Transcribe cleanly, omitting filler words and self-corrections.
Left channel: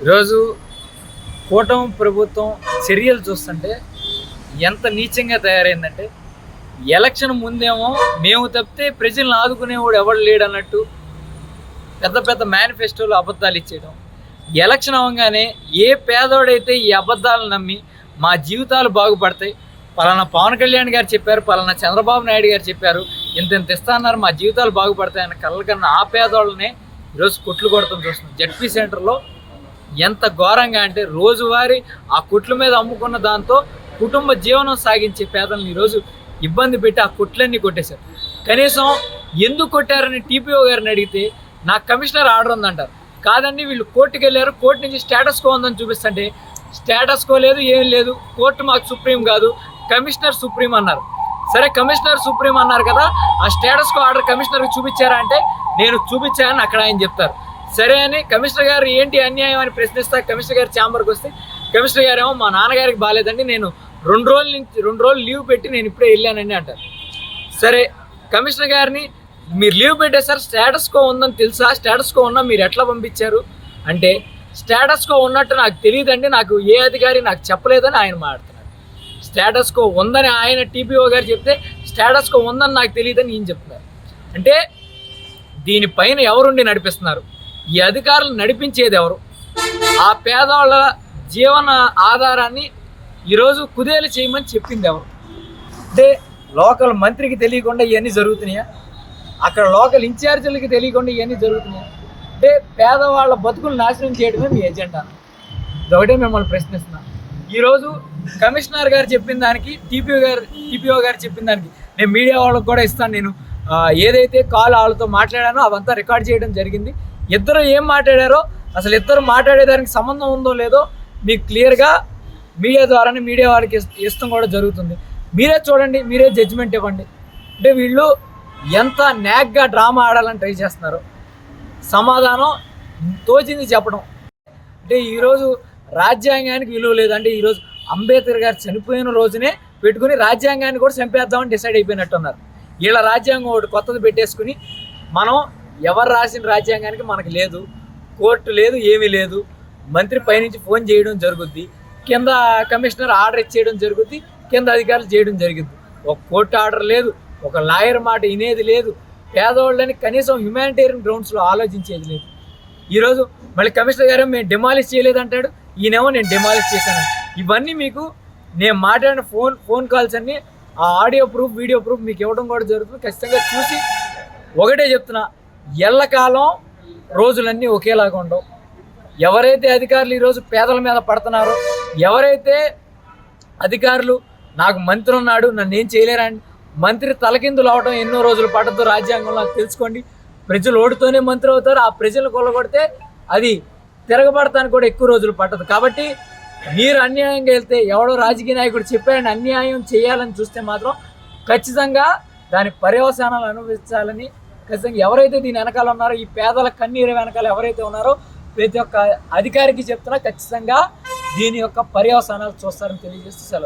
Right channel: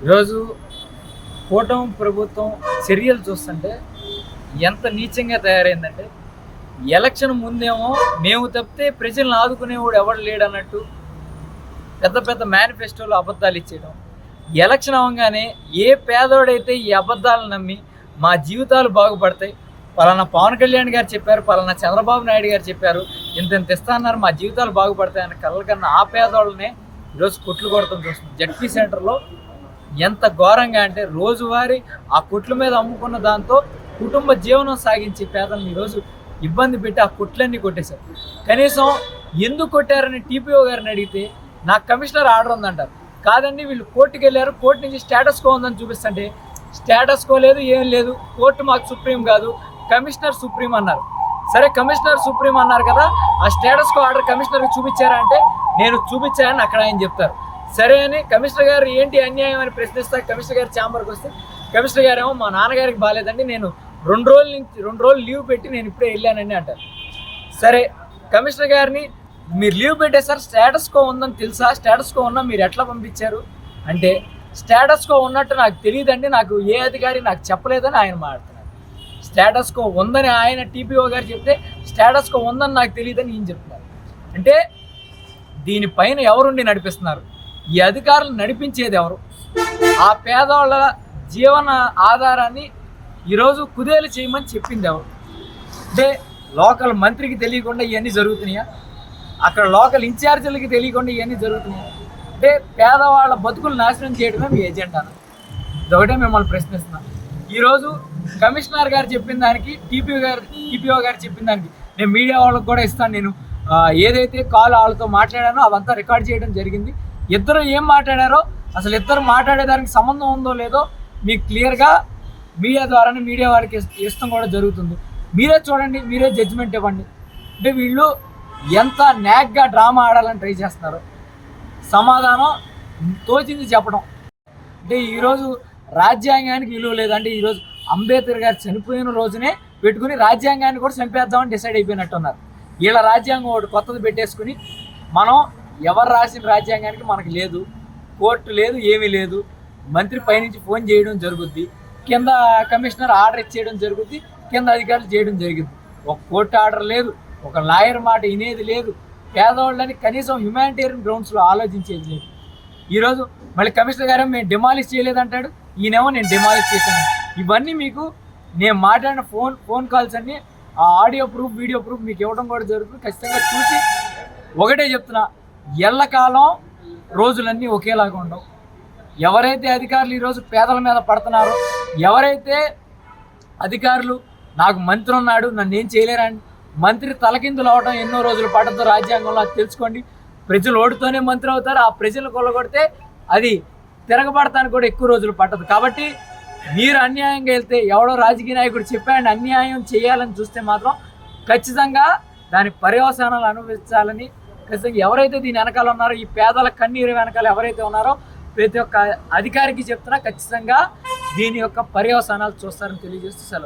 ఈరోజు కూటమి ప్రభుత్వం చర్యలు చూస్తుంటే ఎంత నీచంగా తయారైందంటే, ఎలక్షన్ ముందేమో మేము తప్పితే ప్రజలను ఆదుకునేవాడు ఎవడు లేడన్నట్టు పెద్ద పెద్ద మేనిఫెస్టోలు అబద్ధాలు ఇచ్చేయడం. ఎలక్షన్ అవ్వగానే ఏ పేదోడైతే ఈ అబద్ధాలను నమ్మి మా జీవితాలు బాగుపడతాయి, పలానా పవన్ కళ్యాణ్ గారు చెప్పారు, పలానా చంద్రబాబు నాయుడు గారు చెప్పారు, ఇంత ఇస్తా అన్నారు, మా జీవితాలు బాగుపడతాయన్న కళ్ళకన్నా ఆ పేదోళ్ళనే ఈరోజు కొట్లు కొడతాం చూస్తున్నాం. జడ్పీ సెంటర్లో ఎంత ఘోరంగా అంటే, రోజువారీ ఆ కొట్ల మీద అమ్ముకున్న దాంతో కుటుంబ జీవనం సాగించే పేదలను ఈరోజు ఇబ్బంది పెట్టి ఆ కొట్లన్నీ కొట్టేశారు. కనీసం ఎందుకు కొట్టారని టీపీఓ గారిని అడిగితే నాకు కమిషనర్ ఆర్డర్ ఉందంటారు. కాదండి, వీళ్ళు కోర్టుకు వెళ్ళారు, కోర్టు నుంచి స్టేటస్ కో ఉందని చూపిస్తుంటే స్టేటస్ కో లేదు, ఏం లేదు, కోర్టు మాకు సుప్రీం కాదు, కమిషనర్ సుప్రీం అన్నారు. సరే, కమిషనర్ సుప్రీం అన్నారు కదా, ఆ స్టేటస్ కో ఆర్డర్ కమిషనర్కి చూపించారా అంటే నేను చూపించానని అక్కడ ఆయన చెప్తారు. సరే అని కమిషనర్ గారు ఏంటి అన్యాయం అని ప్రశ్నిస్తా కమిషనర్ గారు ఛాంబర్కి వస్తే కమిషనర్ గారు ఏమో మా నాన్నగారికి బాగాలేదండి, నేను 2 రోజులు లీవ్ పెట్టి నేను ఇప్పుడే వెళ్ళానండి అంటారు. సరే, కమిషనర్ గారిని మీరు లీవ్ పెట్టేశారు, స్టేటస్ కో ఉందని తెలుసా, స్టేటస్ కో ఉన్నా మీరు ఎట్లా పంపించారు అంటే స్టేటస్ కో ఉన్నట్టు నాకు తెలియదండి, నాకు ఏ అధికారి నాకు చెప్పలేదని ఆయన మాట్లాడుతున్నారు. స్టేటస్ కో ఉందని ఆయన టీపీఓ గారు చెప్తే స్టేటస్ కో ఉందని నాకు తెలియదని ఈయన చెప్తున్నారు. అంటే దీనిపైన ఎవరుండి నడిపిస్తున్నారు? ఈ అధికారులు నడిపించేది ఎవరు? ఆ పేదవాళ్ళ జీవన ఆధారాన్ని ఈరోజు కుదేలు చేయమని చెప్పింది ఎవరు? అంటే లోకల్ మంత్రికి తెలియకుండా ఇవన్నీ జరుగుతున్నాయా? అక్కడ లోకల్ ఇన్ఛార్జీలకి తెలియకుండా ఇవన్నీ జరుగుతున్నాయా? అంటే పేదవాళ్ళ బతుకులు నాశనం చేయడమే మీ ఎజెండానా? ఇదొకటే మిమ్మల్ని ప్రశ్నిస్తున్నాను. ఈరోజు కమిషనర్ గారు చెప్పిన దానికి టీపీఓ గారు చెప్పిన దానికి నేను మీడియా వాళ్ళకి కూడా ఇస్తాను. నేను ఏదైతే కాల్ వాళ్ళతో మాట్లాడానో అవంతా రికార్డ్ చేయడం జరిగింది. ఇద్దరు ఏం మాట్లాడారో, అసలు ఇద్దరు మాట్లాడేదానికి సంబంధం ఉందో లేదో మీకు క్లియర్గా మీడియా ద్వారానే మీడియా వారికి ఇష్టం కూడా జరుగుతుంది. మీరే చూడండి, మీరే జడ్జిమెంట్ ఇవ్వండి. అంటే వీళ్ళు ఎంత న్యాక్గా డ్రామా ఆడాలని ట్రై చేస్తున్నారు. సమాధానం తోచింది చెప్పడం. అంటే ఈరోజు రాజ్యాంగానికి విలువ లేదంటే ఈరోజు అంబేద్కర్ గారు చనిపోయిన రోజునే పెట్టుకుని రాజ్యాంగాన్ని కూడా చంపేద్దామని డిసైడ్ అయిపోయినట్టున్నారు. వీళ్ళ రాజ్యాంగం ఒకటి కొత్తది పెట్టేసుకుని మనం ఎవరు రాసిన రాజ్యాంగానికి మనకు లేదు, కోర్టు లేదు, ఏమీ లేదు, మంత్రి పైనుంచి ఫోన్ చేయడం జరుగుద్ది, కింద కమిషనర్ ఆర్డర్ ఇచ్చేయడం జరుగుద్ది, కింద అధికారులు చేయడం జరిగింది. ఒక కోర్టు ఆర్డర్ లేదు, ఒక లాయర్ మాట వినేది లేదు, పేదవాళ్ళని కనీసం హ్యుమానిటేరియన్ గ్రౌండ్స్లో ఆలోచించేది లేదు. ఈరోజు మళ్ళీ కమిషనర్ గారు మేము డిమాలిష్ చేయలేదంటాడు, ఈయనేమో నేను డిమాలిష్ చేశాను. ఇవన్నీ మీకు నేను మాట్లాడిన ఫోన్ కాల్స్ అన్నీ ఆ ఆడియో ప్రూఫ్, వీడియో ప్రూఫ్ మీకు ఇవ్వడం కూడా జరుగుతుంది. ఖచ్చితంగా చూసి ఒకటే చెప్తున్నా, ఎల్లకాలం రోజులన్నీ ఒకేలాగా ఉండవు. ఎవరైతే అధికారులు ఈరోజు పేదల మీద పడుతున్నారో, ఎవరైతే అధికారులు నాకు మంత్రి ఉన్నాడు నన్ను ఏం చేయలేరండి, మంత్రి తలకిందులు అవడం ఎన్నో రోజులు పడద్దు రాజ్యాంగంలో, అది తెలుసుకోండి. ప్రజలు ఓటుతోనే మంత్రి అవుతారు, ఆ ప్రజలు కొల్లగొడితే అది తిరగబడటానికి కూడా ఎక్కువ రోజులు పట్టదు. కాబట్టి మీరు అన్యాయంగా వెళ్తే, ఎవడో రాజకీయ నాయకుడు చెప్పాడని అన్యాయం చేయాలని చూస్తే మాత్రం ఖచ్చితంగా దాని పర్యవసానాలు అనుభవించాలని ఖచ్చితంగా ఎవరైతే దీని వెనకాల ఉన్నారో, ఈ పేదల కన్నీరు వెనకాల ఎవరైతే ఉన్నారో ప్రతి ఒక్క అధికారికి చెప్తున్నా ఖచ్చితంగా దీని యొక్క పర్యవసానాలు చూస్తారని తెలియజేస్తూ సెలవు.